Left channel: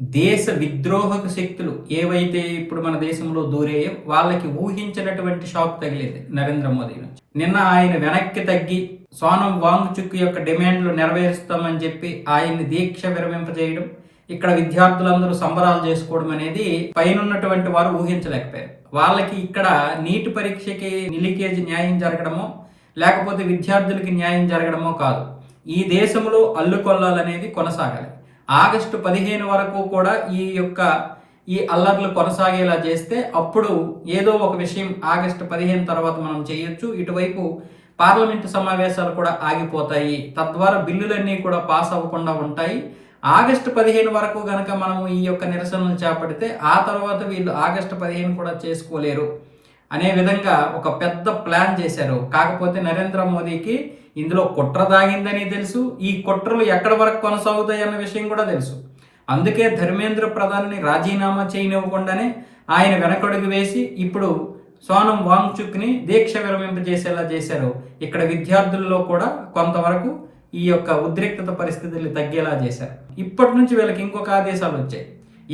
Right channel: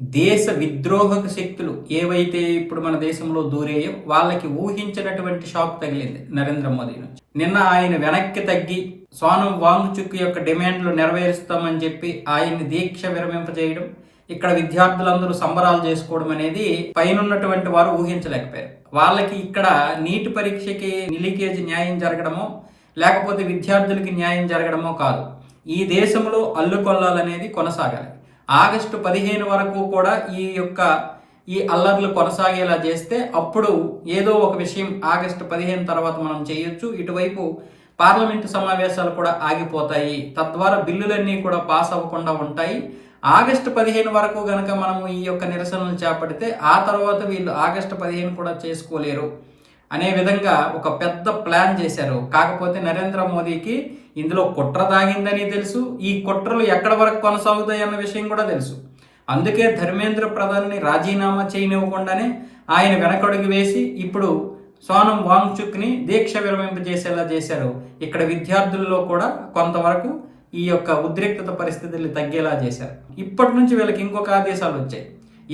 దేశ విద్రోహక శక్తులు ఏవైతే ఇప్పుడు మన దేశంలో దూరాయో వాళ్ళకి ఊహించినటువంటి షాక్ తగిలింది నరేంద్ర మోదీ నుంచి. నిన్న ఆయన వెనక్కి తగ్గి సోనం వాంగ్చుక్ యొక్క డిమాండ్లు నెరవేరుస్తామని చెప్పి ఆయన్ని దీక్ష విరమింపజేయడం, ఇక్కడ విద్యార్థులందరూ సంబరాలు చేసుకోవడం అనేది పైనున్నటువంటి వారు ఊహించలేకపోయారు. వాళ్ళకి ఇక్కడ నీట్ పరీక్షకి లీకేజ్ న్యాయం జరగడమో లేకపోతే విద్యార్థులకి న్యాయం జరగడమో కాదు, ఈ దేశంలో అల్లుకొల్లాలనేది కొనసాగాలి. ఆగస్టు 15 వరకు కూడా ఈ అల్లర్లు కొనసాగేలా చేస్తే అప్పుడు ఏదో ఒక విషయం ఆగస్టు 15 తర్వాత మనం చేయొచ్చు. ఇటువైపు పార్లమెంటు సమావేశాలు కూడా ఆగిపోతాయి, తద్వారా బిల్లులన్నీ కూడా పాస్ అవ్వకుండా ఉంటాయి. ఆగస్టు 15 వరకు గనక మనము ఈ యొక్క నిరసనలు చేపడితే ఆ తర్వాత వీళ్ళు ఆగస్టు 15 కూడా చేసుకోలేరు అనే విధంగా ఒక పెద్ద ప్లాన్ చేశారు. కాకపోతే నరేంద్ర మోదీకి ఇందులో కుట్ర దాగిందని తెలుసు, ఈ కుట్రలు ఎక్కడి వరకు కొనసాగుతాయి అన్న విషయం కూడా తెలుసు. అందుకే ధర్మేంద్ర ప్రధాన్ని రాజీనామా చేయనివ్వకుండానే ఆయన వెనకడుగు వేసి ఇప్పుడు సోనం వాంగ్చుక్ని దీక్ష విరమింపజేసేలా చేశారు. ఇక్కడ విద్యార్థుల్లో కూడా కొంతవరకు ఈ యొక్క ఉద్రిక్తత పరిస్థితులు తగ్గేలా చేశారు. ఇప్పటి నుంచి వీళ్ళకి ఇంకొక ఆదేశాలు వచ్చాయి.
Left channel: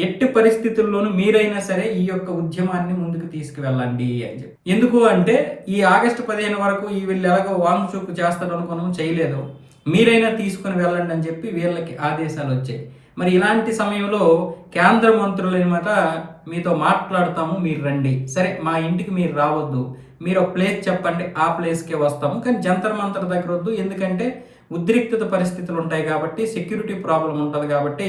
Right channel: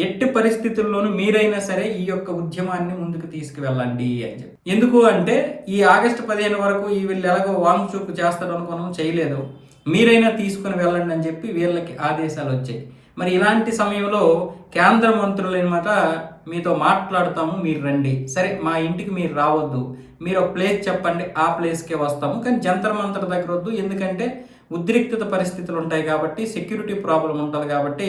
ఎట్టి పరిస్థితుల్లోనూ మీరైనా సరే ఈ యొక్క ఉద్యమాన్ని ముందుకు తీసుకువెళ్ళండి అని చెప్పి. ఎందుకు అంటే ఈ ఆగస్టు 15 వరకు వీళ్ళు ఎలాగో వాంగ్చుక్ చేస్తారు అనుకున్నాం, చేయలేదు, మీరైనా తీసుకుని వెళ్ళండి అని చెప్పి వీళ్ళకి ఆదేశాలు వచ్చాయి. మరి ఇలాంటి సమయంలో కేంద్ర మంత్రులు అనమాట మీతో మాట్లాడతాము, మీరు రండి, సరే మా ఇంటికి మీరు రావద్దు, మీరు ఒక ప్లేస్ చెప్పండి, ఆ ప్లేస్కే వస్తాము, కానీ జంతర్ మంతర్ దగ్గర వద్దు, ఎందుకంటే ఉద్రిక్తత పరిస్థితులు ఉంటాయి కాబట్టి, సెక్యూరిటీ ప్రాబ్లం ఉంటుంది కాబట్టి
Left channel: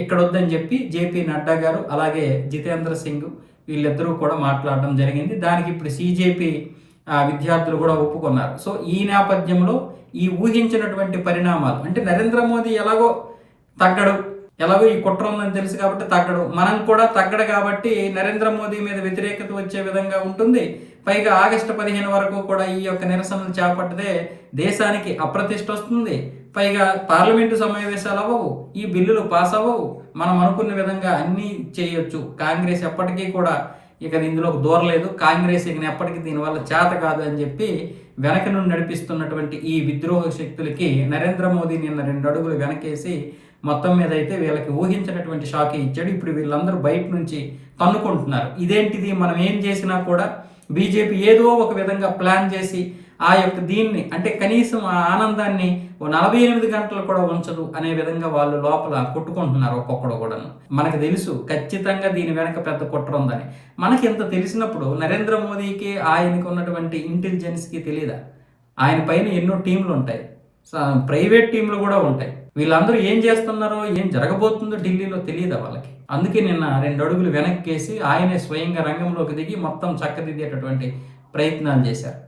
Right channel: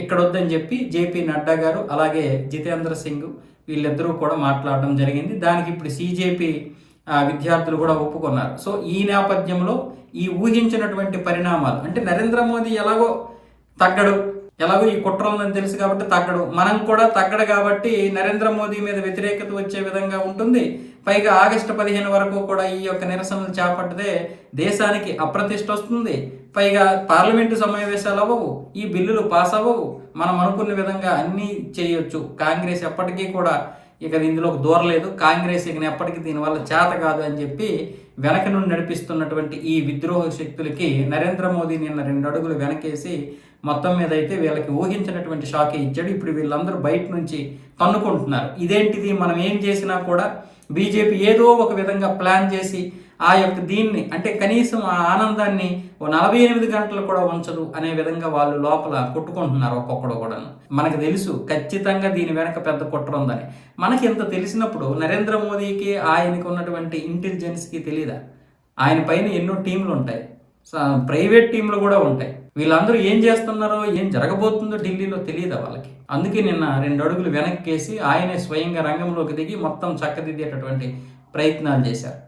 ఇక్కడ వద్దని చెప్పి జేపీ నడ్డా గారు అలాగే జితేంద్ర సింగ్ వీళ్ళిద్దరూ కూడా మాట్లాడడం జరిగింది. దానికి ఇప్పుడు సిజేపీ విద్యార్థులు కూడా ఒప్పుకున్నారు. సో ఈ నేపథ్యంలో ఈ ఊహించినటువంటి పరిణామాలు అంటే నరేంద్ర మోదీ ఎలాగో తగ్గడు, ఎలాగో ఈ కుట్ర ఉందని తెలుసు కాబట్టి తగ్గడు, మనం కూడా తగ్గడు కాబట్టి నరేంద్ర మోదీ మీద వ్యతిరేకత వచ్చే విధంగా ఉంటుంది. పైగా ఆగస్టు 15 వరకు కూడా ఈ యొక్క నిరసనలు చేపట్టితే దేశానికి అప్రతిష్ట వస్తుంది. పైగా పార్లమెంటు సమావేశాలు అవ్వవు, ఈ బిల్లులు పాస్ అవ్వవు, మనం అనుకున్న విధంగా అన్నీ చేయొచ్చు. కాంగ్రెస్ ఎప్పటికీ కూడా ఇక ఇందులోకి దూరలేదు, కాంగ్రెస్ ఇక ఎప్పటికీ దీనివల్ల చేత కాదు అని చెప్పి వెనక నుండి నడిపిస్తున్నటువంటి ఈ విద్రోహ శక్తులకి నరేంద్ర మోదీ నిన్న 2 అడుగులు వెనకేసి మొత్తం మీద అయితే వీళ్ళకి ఊహించినటువంటి షాకే ఇచ్చాడు. ఇప్పుడు వీళ్ళందరూ బయట నుంచి తన్నుకుంటున్నారు. ఇదేంటిది, మనం ఏం చేసినా కూడా బీజేపీ ఏదో ఒక విధంగా ప్లాన్ చేసి ఆ యొక్క దీన్ని అంటే కనీసం ఆ ఆనందాన్ని 48 గంటలు కూడా ఉంచదు అనే విధంగా వాళ్ళు లోపల కొట్టుకుంటున్నారు ఒక్కొక్కడు కూడా. మనకు తెలుసు ఖచ్చితంగా దీని వెనక పెద్ద కుట్ర ఉందని. మనకి ఇంత తెలిసినప్పుడు నరేంద్ర మోదీకి ఆయనకి ఉన్నటువంటి ఇంటెలిజెన్స్కి తెలియదా? ఆయన పైన ఎన్నో టీంలు ఉంటాయి, ప్రైవేట్ టీంలు కూడా ఉంటాయి. వీళ్ళందరూ ఏం చేస్తున్నారో ఏం జరగబోతుందో ఢిల్లీలో తెలియదా వాళ్ళకి? అందుకే నిన్న 2 అడుగులు వెనక్కేసి ఆయనే స్వయంగా రంగంలోకి దిగి మొత్తం చక్కదిద్దేటటువంటి ప్రయత్నాలు చేశారు.